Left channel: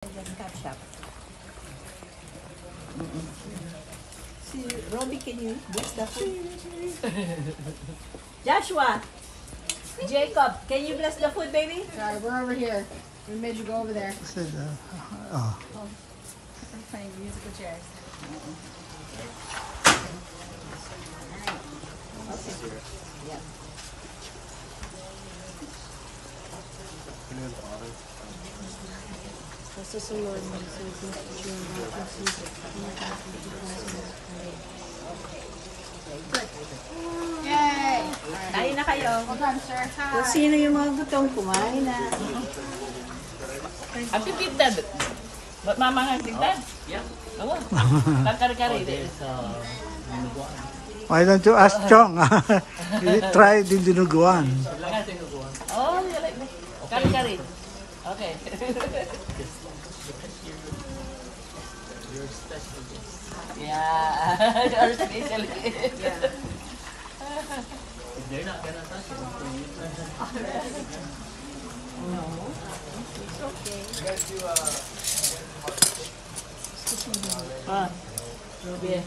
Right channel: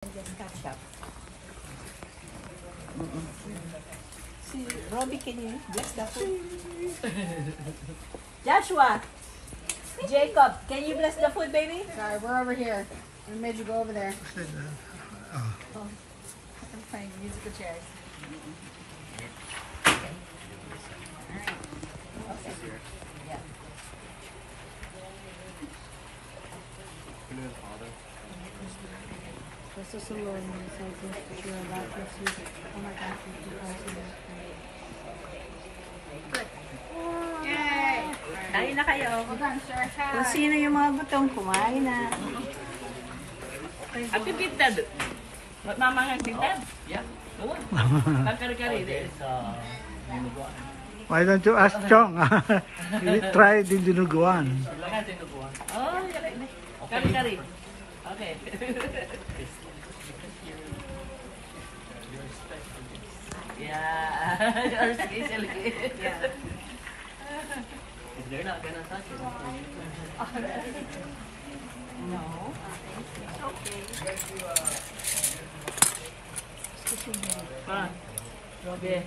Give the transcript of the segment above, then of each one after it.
Ketchup. See, Robbie, can you bless the food? Joshua! Jacob, can you bless the food, baby? Sorry, we're over here. We made you go over there. Oh. I'm playing musical chairs. Okay. Yeah. This is the Lord, my soul, that you are about to receive it. Oh my God, thank you, Father. Yay! Kain na kayo. Hold on, sir. Kung sino yung mga gutong kumain na. Ang titidad. Ba't mama nga titidad? Yeah. Oo. Kakari-kari. Why don't you ask Chong? Try the dinuguan. Oh, you like this? Kari-kari. Okay. Yeah. Our special gift. Yeah. They're not gonna touch it. No. It's okay. Ah. Robbie.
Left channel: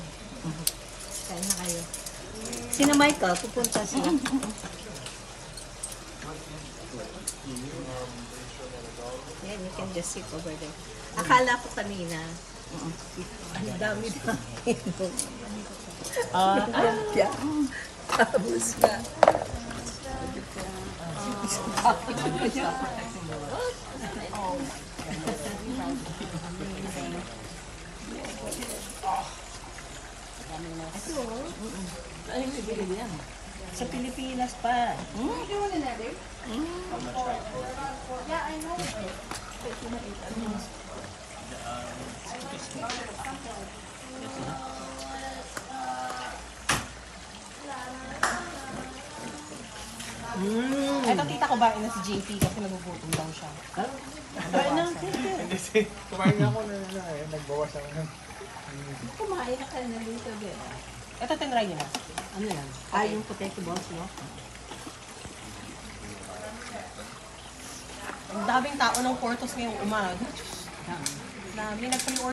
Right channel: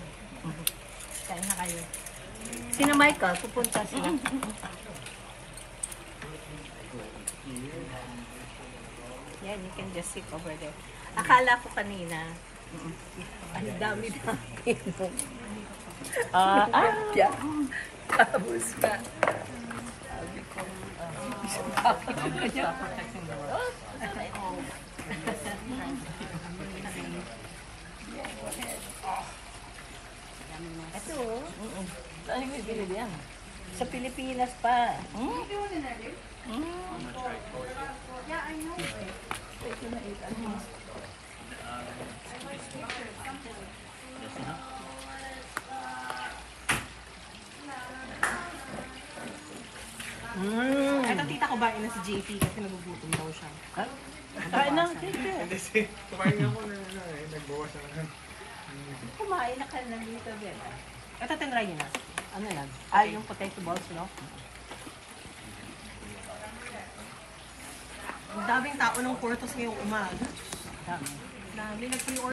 Kain na kayo. Sino Michael? Pupunta siya. Yeah, you can just sit over there. Akala ko kanina, ang dami-dami. Yeah. Tapos ka. Sabi ko, ito, Ay, hindi bili yan. sa Pilipinas pa. Ito tita ko bain na si JP kasi nagugutom daw siya. Kain na, sige. Kumain ako na nagbawas ako ng... Kumain na kayo na dito, Ben. Ito tinry niyo na. Ano lang? Ay, yung potato balls, no? Ang daming tao ng Portos ngayong umaga. Dami. Nagpa-order.